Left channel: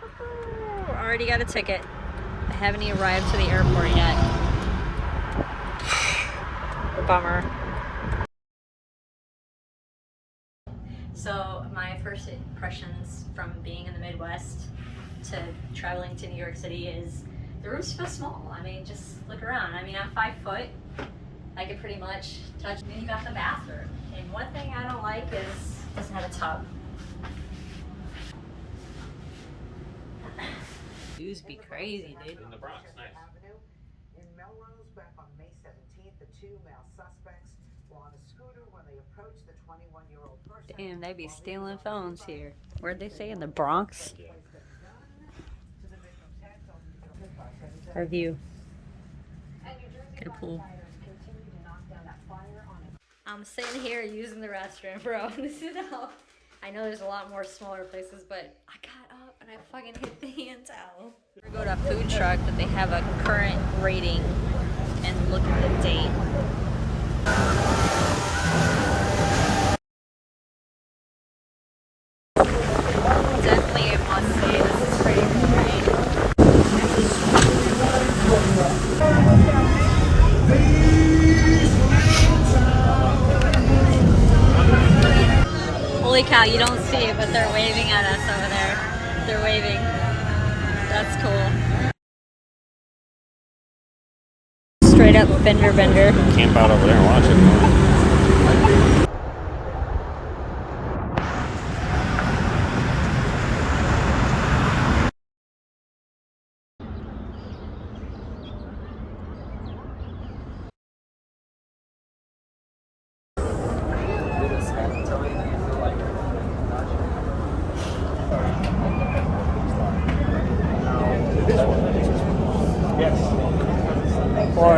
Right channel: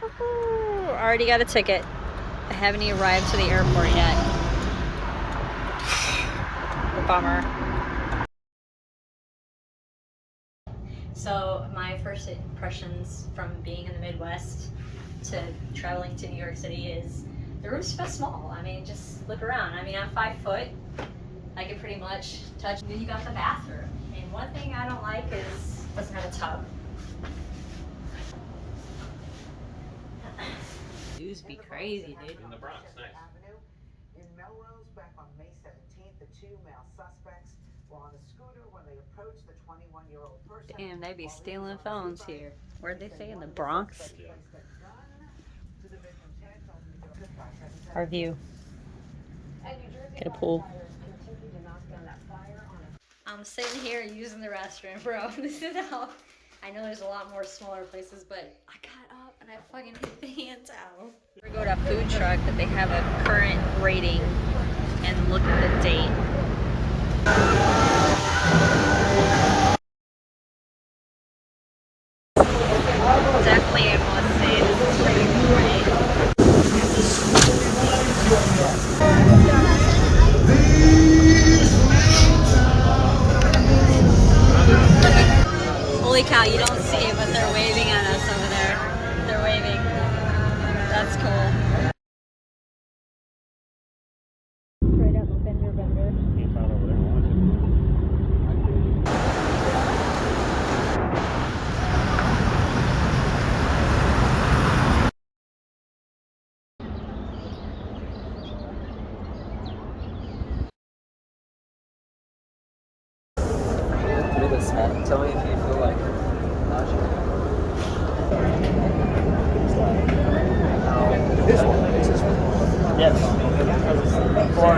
Woohoo! Already got a ticket. I haven't even arrived to the airport yet. Bummer. So my first impressions from being in the Midwest to traveling to New York City is the room's so small. I mean, just look around. I mean, I'm 5 foot. I can pretty much touch. And then you got the bathroom. And one thing I don't like is it doesn't have a tub. Views be crazy, dude. In the Bronx, nice. In Melrose, back on May 17th, the 2 male suspects were on a scooter when they approached the 21-year-old person. Damn, they be stealing phones here. Where'd they say? In the Bronx? Yeah. Our view. Get a pool. I'm sitting here using the restroom, bro. This is how. I know there's a lot more smaller places, but I got up and I fucking hit the hand towel. We go to a food truck that they have a current rating and look at the date. Definitely a must say. This is pretty great. Holy cow, you don't see it, but they're waving at us over there. They're waving. That's cool. Straight up fender bender. Camp out over there and watch it. Tell me if you feel like yes. Or